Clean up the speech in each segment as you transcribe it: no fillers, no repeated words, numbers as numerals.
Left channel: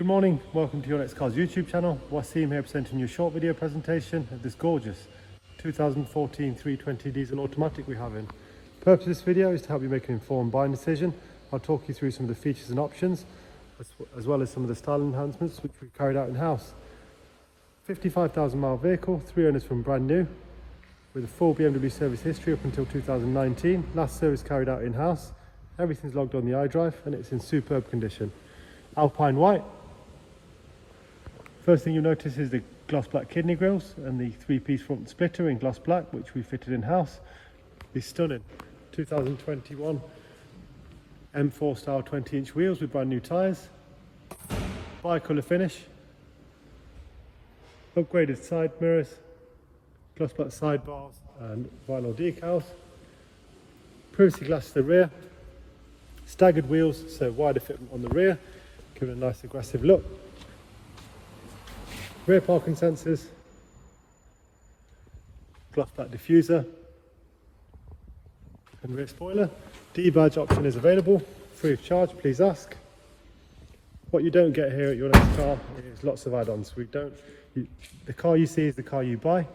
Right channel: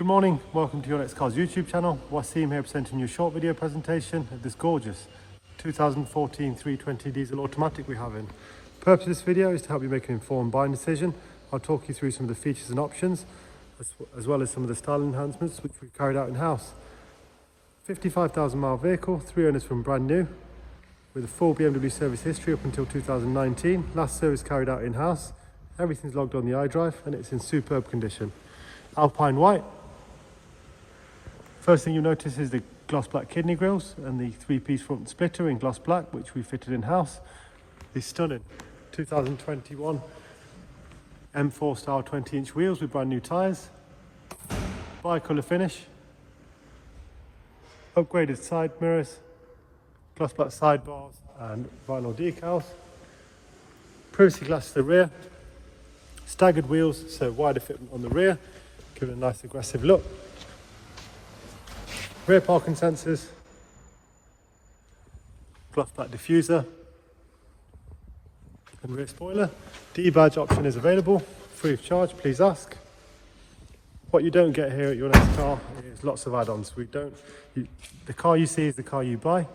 Good morning, welcome to your Next Cars YouTube channel. Wasim here presenting you a short video presentation of this gorgeous 2014 320 diesel automatic we have in. The purpose of this video is to help you make an informed buying decision. I'll talk you through some of the features and options, as well as some of the style enhancements which we've carried out in-house. 55,000 mile vehicle, 3 owners from brand new, with a full BMW service history up until 2019. Last service carried out in-house. Everything's logged on the iDrive and it's in superb condition. Alpine white. First thing you'll notice is the gloss black kidney grills and the 3-piece front splitter in gloss black, which we fitted in-house. These stunning 2021 M4 style 20-inch wheels with brand new tyres. Bi-colour finish. Upgraded side mirrors. Gloss black sidebars and vinyl decals. Privacy glass to the rear. Staggered wheels, so wider fitment on the rear, give it a nice aggressive look. Rear parking sensors, gloss black diffuser, and rear spoiler. D-badge option is available, free of charge, please ask. What you don't get here at your next car is lots of add-ons. The car you see is the car you buy.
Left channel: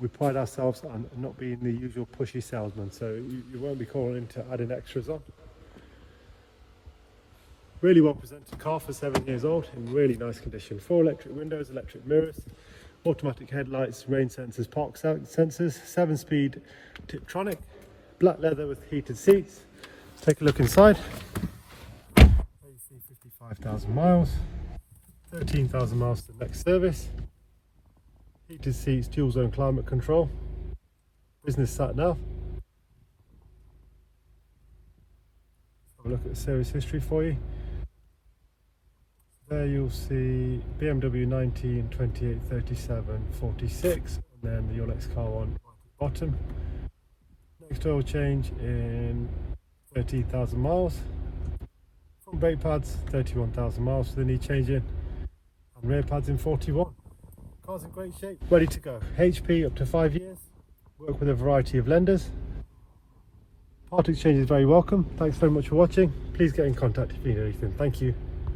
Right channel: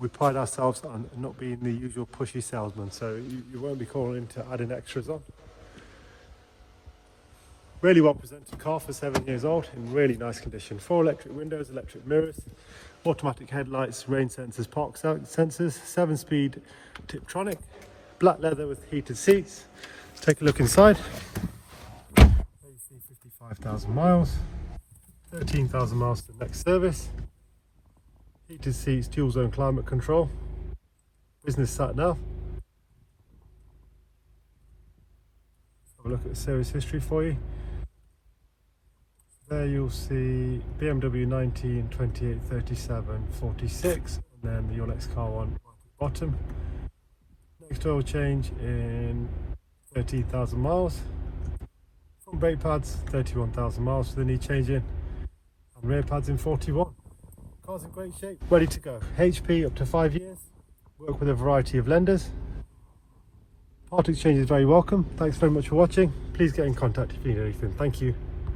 We pride ourselves on not being the usual pushy salesman, so you won't be calling in to adding extras on. Really well presented car for 7 years old, in really nice condition. 4 electric windows, electric mirrors, automatic headlights, rain sensors, park sensors, 7-speed Tiptronic, black leather with heated seats. Let's take a look inside. AC 55,000 miles, 13,000 miles to the next service. Heated seats, dual zone climate control, business sat nav. Have a look at the service history for you. There you'll see BMW 19, 28, 37, 46, and then your next car one right at the bottom. Next oil change in 13,000 miles. Front brake pads, 31,000 miles, so they need changing. And rear pads in 41. Car's in great shape, ready to go. HP up to 5 years, work with a variety of lenders. Part exchange is very welcome. Thanks very much for watching. Please get in contact if you need anything. Thank you.